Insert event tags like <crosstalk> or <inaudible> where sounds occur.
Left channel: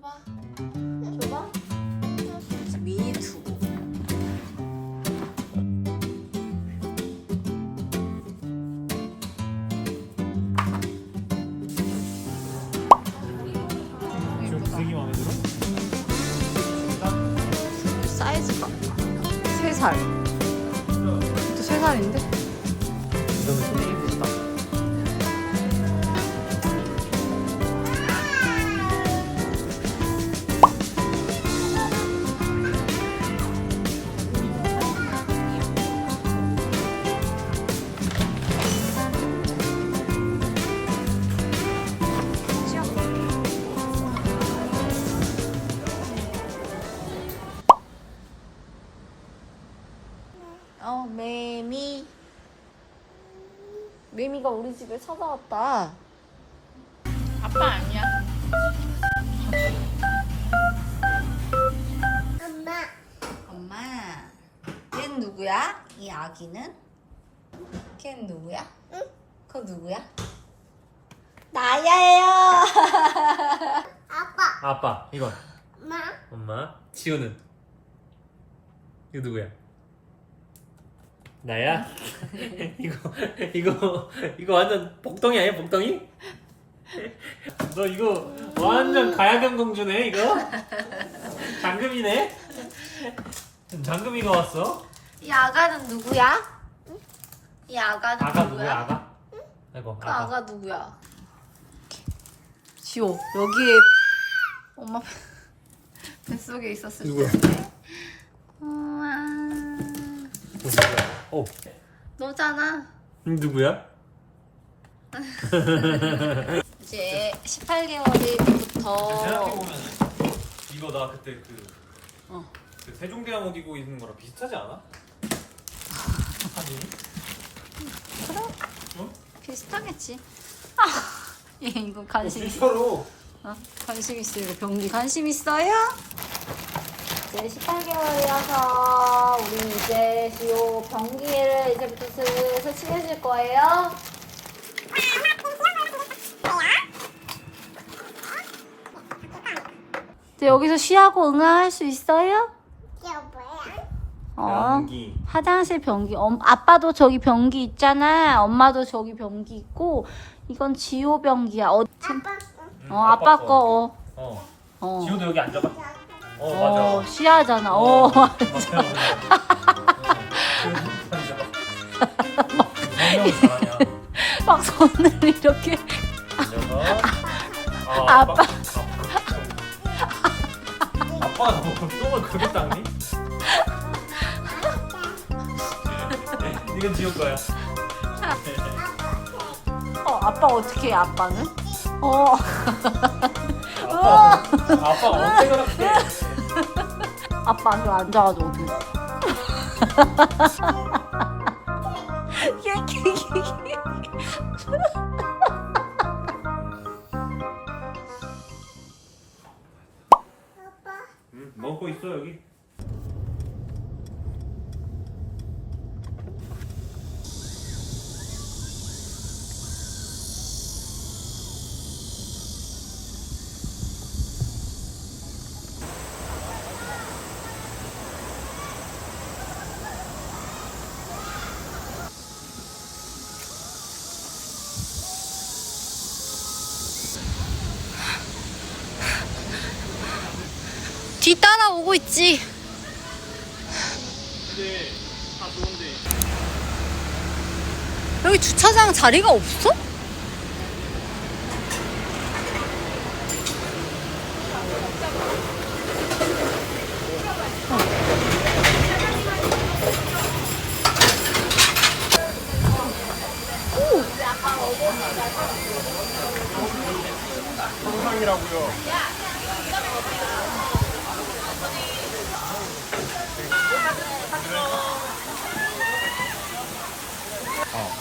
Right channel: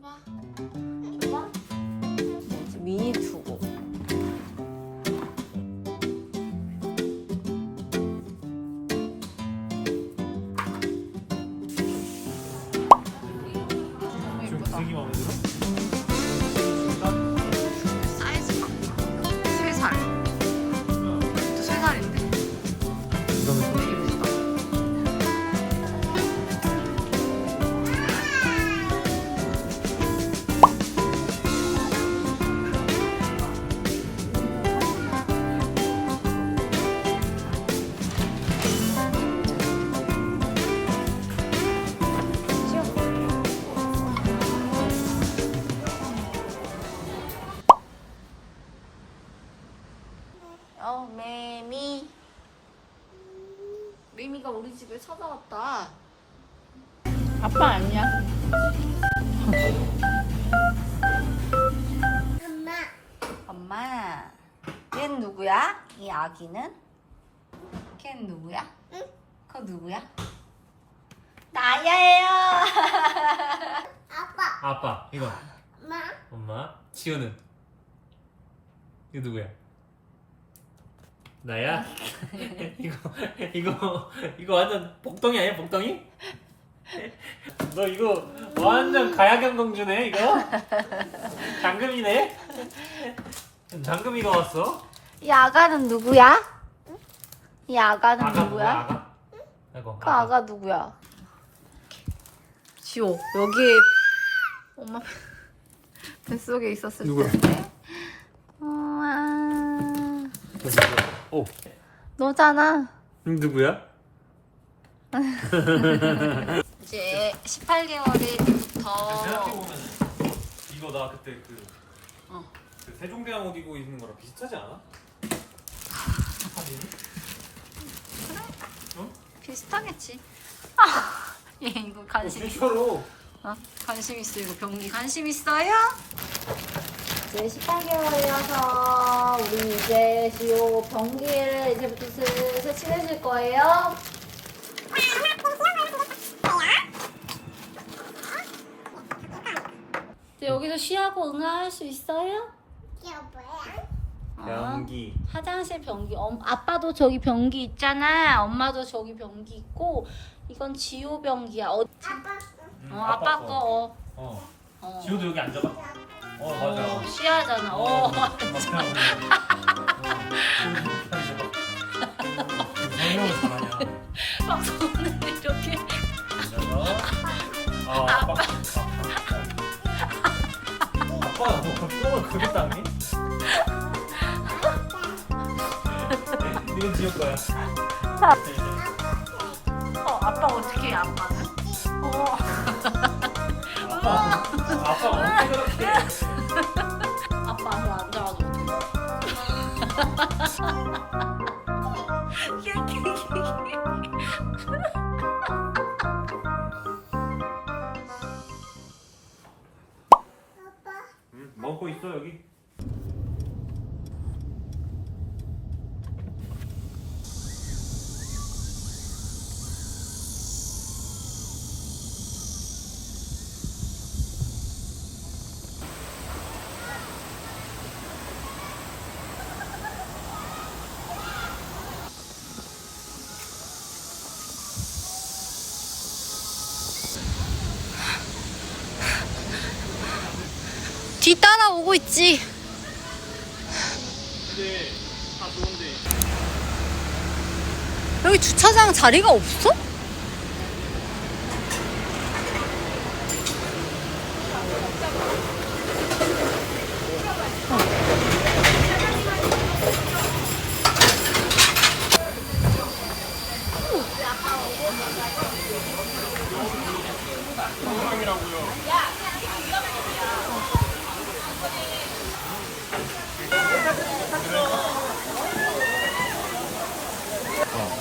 줘봐. 줘봐. 미니 투고. 지금 되게 마음에 들어? 사이즈가 세 살. 또 세 살인데? 어, 매미. 매미가 우리 집에 찾아왔다. 아빠 아니야? 엄마, 엄마. 걘 누구야? 이 아기는? 걘 누구야? 응? 그거 누구야? 나야예요. <laughs> 아빠, 아빠 이거 엄마, 엄마 지우는 이거 누구야? 나야? <laughs> 이거 이거 이거 완전 복덩이 아니야 복덩이? 너 이거 완전 가야경 공주네 이거? 장금이네? 장금이가 왔어? 이 아가는 누구야? 이 아가는 아가 누구야? 누구야 아가? 아이고 그 아가 아가 누구야? 지호 여기 엄마 뱃속에 있었을 누구야? 텐데. 우와. 오 너잖아. 누구야? <laughs> 이제 18개월일 때부터 생각해보면 이거 나 그때 그, 어. 그 세종대왕 옷 입고 있는 거랑 비슷하지 않아? 사진이? 비슷하겠지. <laughs> 아, 얘 이거 관심 있어. 진짜로 어? 관심 있어. 이거 병 관심 있어요? 이제 18개월이어서 우리 이제 지호 변기를 이제부터 슬슬 칠해줄 거예요. 이제 여기서 쉬하고 응아할 수 있어요? 어. 양기 화장실 변기. 엄, 아빠도 저기 변기 있잖아. 엄마도 저기 변기 있고. 이건 지호 변기야. 어, 참- 아빠, 어 아빠 거. 어. 어 어. 지호도 여기 앉아봐 어 어, 맞아 쉬하잖아. <laughs> 어. 설명을 잘하냐 막 손을 이렇게. 앉아서 아, 아빠 아빠 너 똥을 그렇게 닦니? 이건 지호 거야 어, 아빠 어떻게 해, 아빠는? 어. 아빠 그렇게 아빠 앉아, 앉아가지고. 아빠, 응? 먹고 있어 여기 뒤 따라오고 있지. 여기 주차장 자리가 없어? 안